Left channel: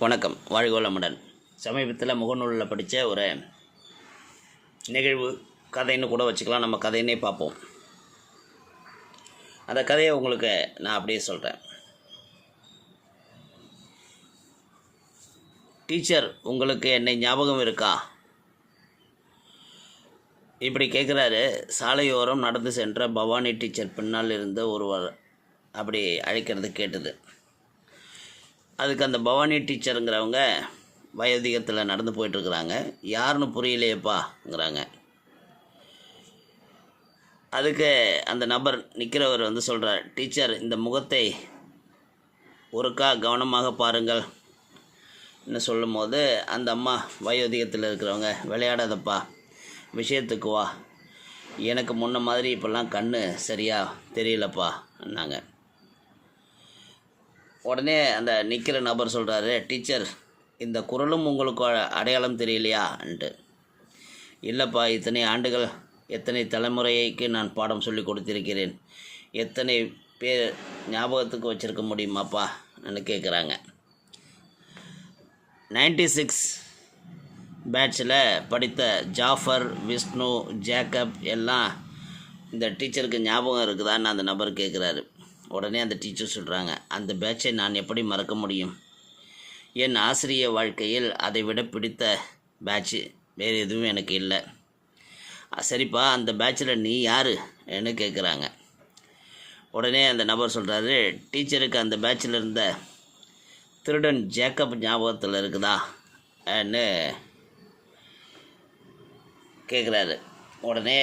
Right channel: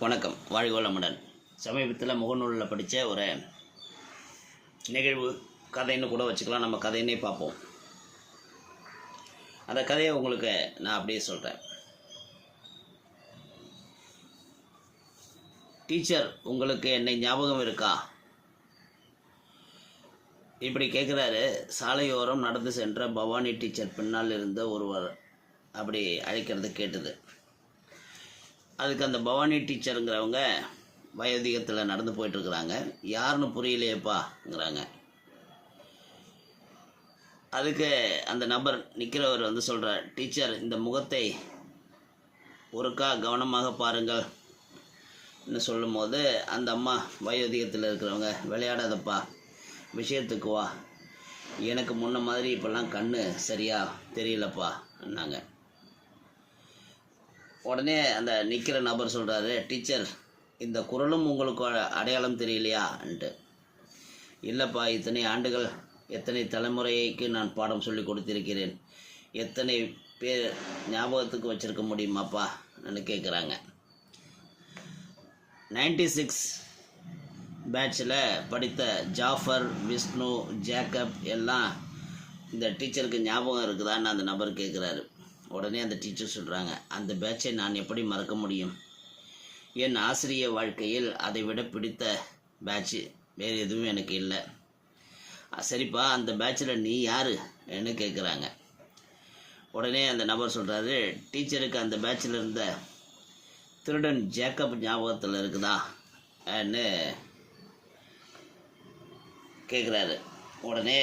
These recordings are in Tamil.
வணக்கம். வாழ்க வளமுடன். சமீபத்தில் முகநூலில் படித்த ஒரு நிகழ்வு, கதைன்னு கூட வச்சுக்கலாம், நம்ம கதைன்னே பார்ப்போம். அந்த கதையை உங்களுக்கு நான் அப்படியே சொல்கிறேன். டீச்சர், உங்களுக்கு என்னை ஞாபகம் இருக்கா? இப்படி கேட்குறாரு. சாலையோரம் நடந்து சென்ற பவானி டீச்சர் பின்னால் இருந்து ஒருவர் அப்படி அழைக்கிறது கேட்டது. அதுக்கு அந்த பவானி டீச்சருங்கிறவங்க வயோதிகத்தில் நடந்து போயிட்டுருக்குறாங்க. யாருன்னு புரியலையேப்பாங்கிறாங்க. அதுக்கு அந்த நபர் நிற்கிறவர் சொல்கிறார், டீச்சர், இந்த முகத்தை ஒருக்கா கவனமாக பாருங்கள் ன்னு சொல்லும்போது அந்த அம்மா வயோதிகத்தில் இருக்கிறவங்க, விளையாடாதப்பா, விஷயத்துக்கு வா, எனக்கு முன்ன மாதிரி இப்போல்லாம் கண்ணு சரியாக தெரியலப்பா என்னாங்க. உடனே அந்த நிற்கிற நபர் சொல்கிறாரு, டீச்சர், இந்த குரலும் உங்களுக்கு அடையாளம் தெரியலையான்ட்டு. இல்லைப்பா, இத்தனை ஆண்டுகள் எத்தனை தலைமுறைக்கு நான் பாடம் சொல்லி கொடுத்திருக்கிறேன், எத்தனை பேர் ஞாபகத்துக்கு வச்சுருக்க முடியுமாப்பா ன்னு கேட்குறாங்க. 96 பேட்சில் படித்த ஜாஃபர், விஷ்ணு, ஜேக்கப் எல்லாம் இந்த டீச்சருக்கு ஞாபகம் இருக்குதான்னு அந்த நபர் கேட்குறாரு. உடனே அந்த டீச்சர் சொல்கிறாங்க, அந்த பேட்சை நான் எப்படி மறக்க முடியும்? என் ஆசிரிய வாழ்க்கையில் அதை விட பிடித்த பேட்சு வேறு எதுவும் எனக்கு இல்லை. சரிப்பா, அந்த பேட்சில் நீ யாருன்னு கேட்குறாங்க. உடனே அந்த நபர் சொல்கிறாரு, டீச்சருக்கு அந்த பேட்சில் இருந்த திருடன் ஜேக்கப் ஞாபகத்தில் இருக்குதான்னு கேட்குறாரு. உடனே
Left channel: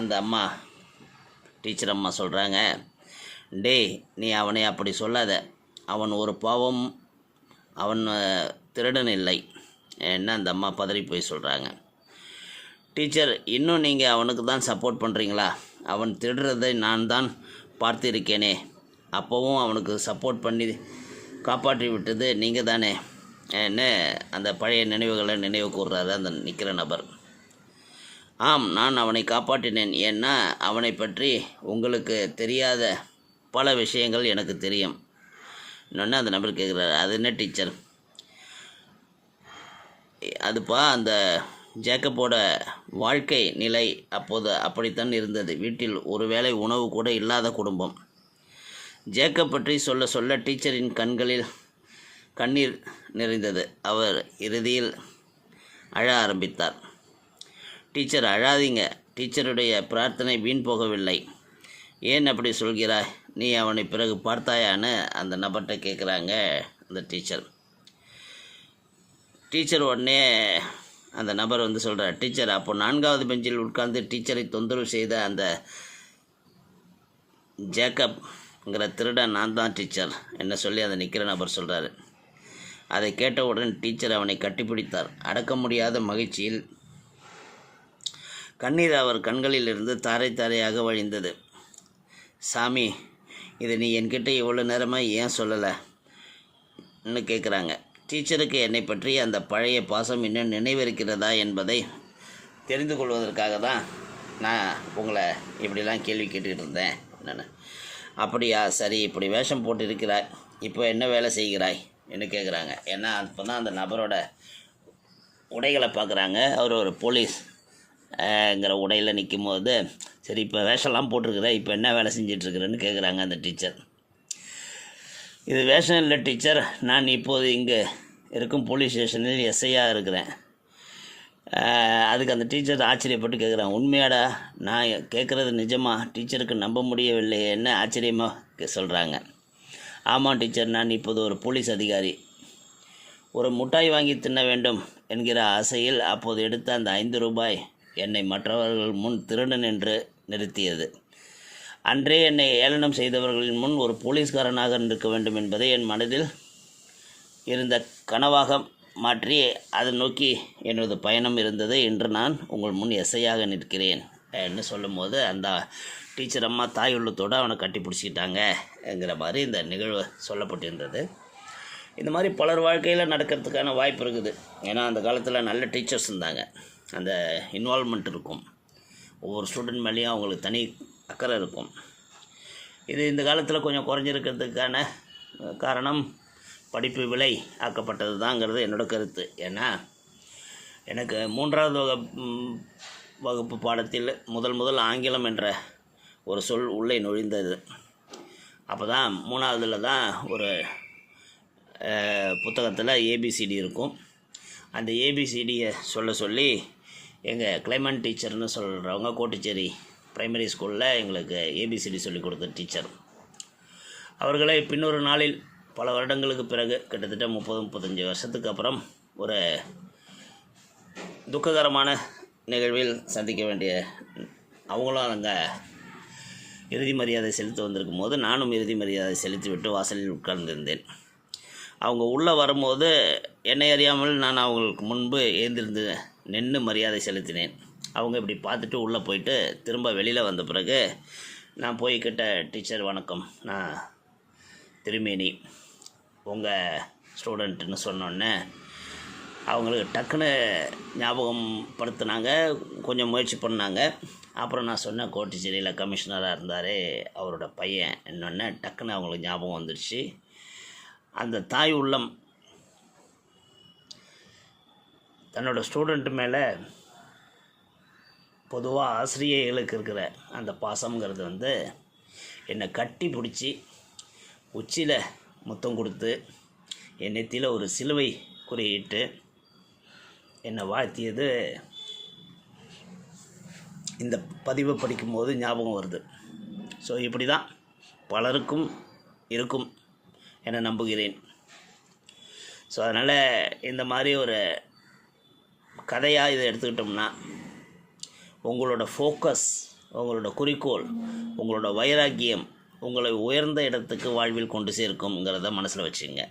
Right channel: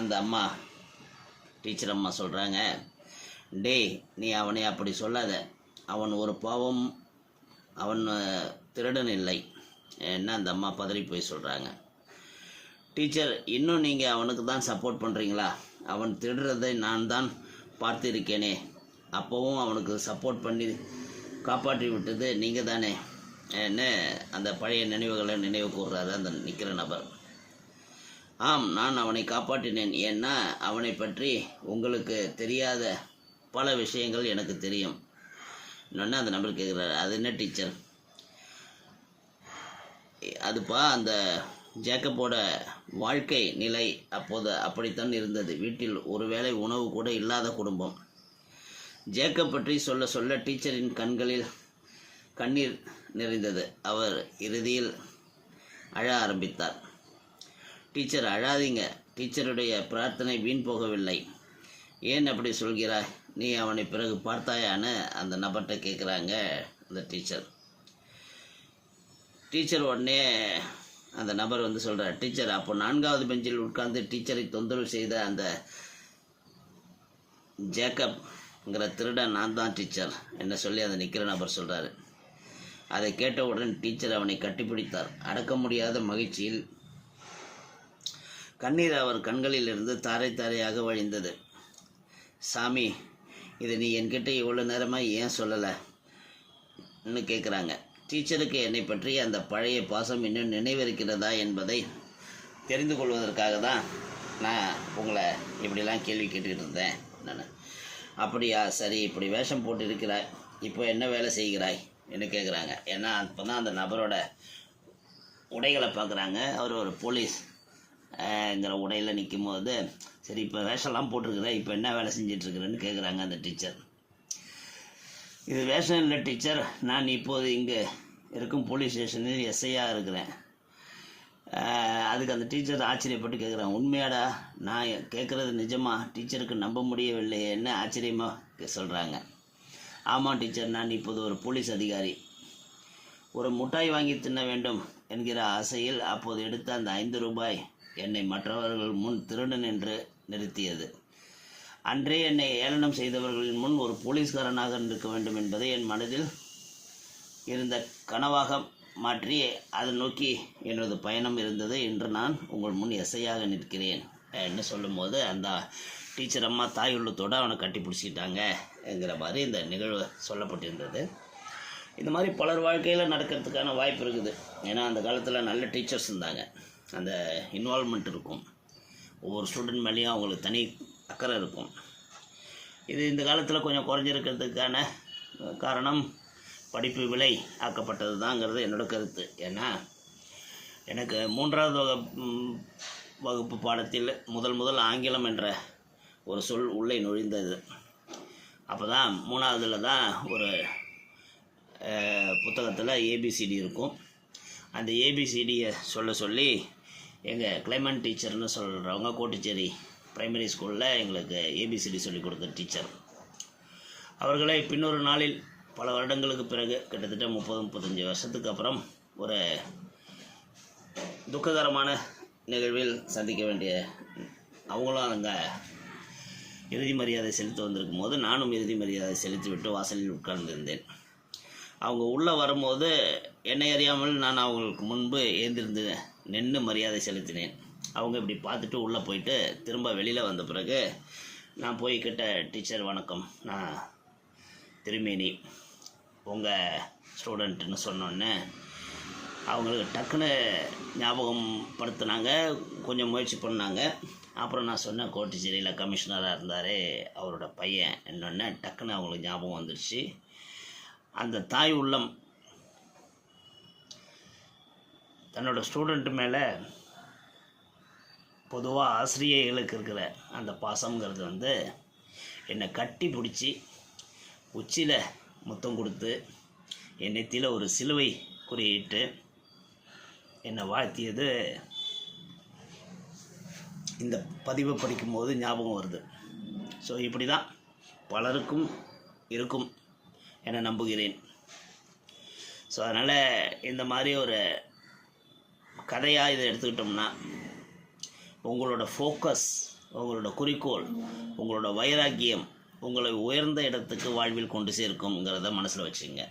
அந்த அம்மா, டீச்சர் அம்மா சொல்கிறாங்க, டேய், நீ அவனை அப்படி சொல்லாத, அவன் ஒரு பாவம், அவன் திருடன் இல்லை என்ன அந்த அம்மா பதறி போய் சொல்கிறாங்க. டீச்சர், இன்னும் நீங்கள் அவனுக்கு தான் சப்போர்ட் பண்ணுறீங்களா? அவன் திருடுறதை நான் தான் பார்த்திருக்கேனே, அப்போவும் அவனுக்கு சப்போர்ட் பண்ணி காப்பாற்றி விட்டது நீங்கள் தானே என்ன அந்த பழைய நினைவுகளை நினைவு கூறுறாரு அந்த நிற்கிற நபர். ஆம், நான் அவனை காப்பாற்றினேன். ஏன்னா அவனை பற்றி உங்களுக்கு தெரியாத பல விஷயங்கள் எனக்கு தெரியும். இன்னொன்று அந்த நபர் கேட்குறாரு, அது என்ன டீச்சர்? அதுப்பா, அந்த ஜேக்கப்போட வாழ்க்கை நிலை அப்போது அப்படித்தான் இருந்தது. வீட்டில் ஒருவேளை உணவு கூட இல்லாத குடும்பம். ஜேக்கப் பற்றி சொல்ல சொல்ல டீச்சரின் கண்களில் கண்ணீர் நிறைந்தது. அவர் இறுதியில் அழ ஆரம்பித்தார். டீச்சர், அழாதீங்க, டீச்சருடைய பிரார்த்தனை வீண் போகவில்லை. ஏன் அப்படி சொல்கிறாய்? நீ அவனை பிறகு பார்த்தாயான்னு அந்த நபர்கிட்ட கேட்குறாங்க அந்த டீச்சர். டீச்சர் உடனே அந்த நபர் சொல்கிறார், டீச்சர், அப்போ 4வது பெஞ்சில் உட்கார்ந்து டீச்சரை தொந்தரவு செய்த அந்த ஜேக்கப்ங்கிற திருடன் நான் தான் டீச்சர் என்ன சொல்லி அந்த நிற்கிற நபர் சொல்கிறாரு. அதை கேட்டவுடன் டீச்சர் அவனை கட்டிப்பிடித்தார். அடக்க முடியாத மகிழ்ச்சியில் கண்ணீர் அவர் கண்களில் இருந்து தாரை தாரையாக வழிந்தது. சாமி, இது நீ என்கிட்ட இவ்வளோ நேரமாக ஏன் சொல்லலைன்னு கேட்குறாங்க. டீச்சருக்கு என்னை பற்றி அந்த பழைய பாசம் இன்னும் நினைவிருக்கிறதா என்பதை தெரிந்து கொள்வதற்காக தான் நான் உங்களை இப்படிலாம் கேள்வி கேட்டுக்கிட்டு இருந்தேன். நான், அப்படியா, சரி, இப்படி வேஷம் போட்டு இருக்கிறாய், இப்போ என்ன வேலை செய்கிறாய் என்று கேட்குறாங்க. ஏன்னா அப்போ தான் அந்த நபரோட உடைகளை பார்க்குறாங்க. அவர் ஒரு போலீஸ்ங்கிற உடையில் நிற்கும் போது, சரி, இப்போ வேஷம்லாம் போட்டிருக்குற, இப்போ என்ன வேலை செஞ்சிட்ருக்குறேன்னு கேட்குறாங்க அந்த டீச்சர். இது வேஷம் இல்லை டீச்சர், நான் இப்போது இங்கே இருக்கும் போலீஸ் ஸ்டேஷனில் எஸ்ஐயாக இருக்கிறேன். அதுக்கு அந்த டீச்சர் ஆச்சரியப்பட்டு கேட்குறாங்க, உண்மையாடா? நான் கேட்குறது நிஜமா? டீச்சருக்கு நம்ப முடியவில்லை என்ன ஆச்சரியமாக சொல்கிறாங்க. ஆமாம் டீச்சர், நான் இப்போது ஒரு போலீஸ் அதிகாரி. ஒரு முட்டாய் வாங்கி தின்ன வேண்டும் என்கிற ஆசையில் அப்போது எடுத்த அந்த 5 ரூபாய் என்னை மற்றவர்கள் முன் திருடன் என்று நிறுத்தியது. அன்றே என்னை ஏளனம் செய்தவர்களின் முன் ஒரு போலீஸ்காரனாக இருக்க வேண்டும் என்பதை என் மனதில் இருந்த கனவாக மாற்றி அதை நோக்கி எனது பயணம் இருந்தது. இன்று நான் உங்கள் முன் எஸ்ஐயாக நிற்கிறேன் என்று சொல்லும்போது அந்த டீச்சர் அம்மா தாய் உள்ளத்தோடு அவனை கட்டி பிடிச்சிக்கிட்டாங்கங்கிற மாதிரி இந்த நிகழ்வு சொல்லப்பட்டிருந்தது. இந்த மாதிரி பலர் வாழ்க்கையில் நடக்கிறதுக்கான வாய்ப்பு இருக்குது. ஏன்னா அந்த காலத்தில் நல்ல டீச்சர்ஸ் இருந்தாங்க, அந்த இன்வால்மெண்ட் இருக்கும், ஒவ்வொரு ஸ்டூடெண்ட் மேலேயும் அவங்களுக்கு தனி அக்கறை இருக்கும். இது இந்த காலத்தில் கொஞ்சம் குறைஞ்சிருக்கிறதுக்கான காரணம் படிப்பு விலை ஆக்கப்பட்டது தாங்கிறது என்னோட கருத்து. ஏன்னா எனக்கு 3வது வகுப்பு பாடத்தில் முதல் ஆங்கிலம் என்ற ஒரு சொல் உள்ளே நுழைந்தது. அப்போ தான் 3வதுல தான் ஒரு புத்தகத்தில் ஏபிசிடி இருக்கும். அந்த ஏபிசிடியை சொல்லி எங்கள் கிளைமன் டீச்சர்னு சொல்கிறவங்க கோட்டுச்சேரி பிரைமரி ஸ்கூலில் எங்களுக்கு ஏபிசிடி சொல்லிக் கொடுத்த டீச்சர் அவர்களை பின்னொரு நாளில் பல வருடங்களுக்கு பிறகு கிட்டத்தட்ட 30-35 வருஷத்துக்கு அப்புறம் ஒரு துக்ககரமான நிகழ்வில் சந்திக்க வேண்டிய அவங்களும் அங்கே இறுதி மரியாதை செலுத்த வந்திருக்கும் போது நானும் இறுதி மரியாதை செலுத்திவிட்டு வாசலில் உட்கார்ந்திருந்தேன். அவங்க உள்ளே வரும்போது என்னை அறியாமல் நான் அவங்களுக்கு முன்பு ஏந்திருந்து நின்று மரியாதை செலுத்தினேன். அவங்க இப்படி பார்த்துட்டு உள்ளே போயிட்டு திரும்ப வெளியில் வந்த பிறகு நான் போய் கிட்ட டீச்சர் வணக்கம், நான் திருமேனி உங்கள் ஸ்டூடெண்ட்டுன்னு சொன்னோன்னே அவங்களுக்கு டக்குன்னு ஞாபகம் படுத்தினாங்க, கொஞ்சம் முயற்சி பண்ணாங்க. அப்புறம் நான் சொன்னேன் கோட்டுச்சேரியில் கமிஷனராக இருந்தார் அவரோட பையன் என்னொன்னே டக்குன்னு அவங்களுக்கு ஞாபகம் வந்துடுச்சு. அந்த தாய் உள்ளம் தன்னோட ஸ்டூடெண்ட்டு மேலே பொதுவாக ஆசிரியர்களுக்கு இருக்கிற அந்த பாசங்கிறது என்னை கட்டி பிடிச்சி உச்சியில் முத்தம் கொடுத்து என் நெத்தியில் ஒரு சிலுவை குறியிட்டு என்னை வாழ்த்தியது இந்த பதிவை படிக்கும்போது ஞாபகம் வருது. ஸோ இப்படி தான் பலருக்கும் இருக்கும் என நம்புகிறேன். ஸோ அதனால் இந்த மாதிரி ஒரு கதையாக இதை எடுத்துக்கிட்டோம்னா உங்களோட ஃபோக்கஸ், உங்களோட குறிக்கோள், உங்களோட வைராக்கியம் உங்களை உயர்ந்த இடத்துக்கு வாழ்வில் கொண்டு சேர்க்கும்ங்கிறத மனசில் வச்சுங்க.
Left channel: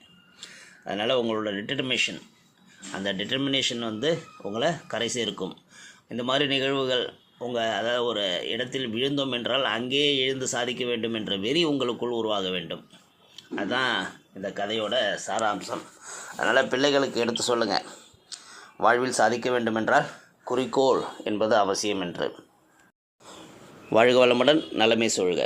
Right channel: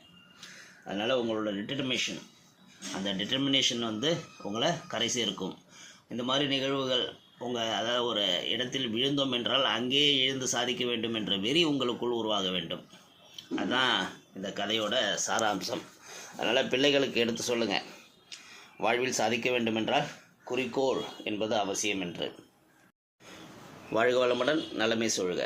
அதனால் உங்களோட டிட்டர்மினேஷன், அந்த டிட்டர்மினேஷன் உங்களை கரை சேர்க்கும். இந்த மாதிரி நிகழ்வுகள் அதாவது ஒரு இடத்தில் விழுந்தோம் என்றால் அங்கேயே எழுந்து சாதிக்க வேண்டும் என்ற வெறி உங்களுக்குள் உருவாக வேண்டும். அதுதான் இந்த கதையோட சாராம்சம். அதனால் பிள்ளைகளுக்கு எடுத்து சொல்லுங்கள், வாழ்வில் சாதிக்க வேண்டுமென்றால் குறிக்கோள் என்பது அவசியம் என்று. வாழ்க வளமுடன், நலமே சொல்க.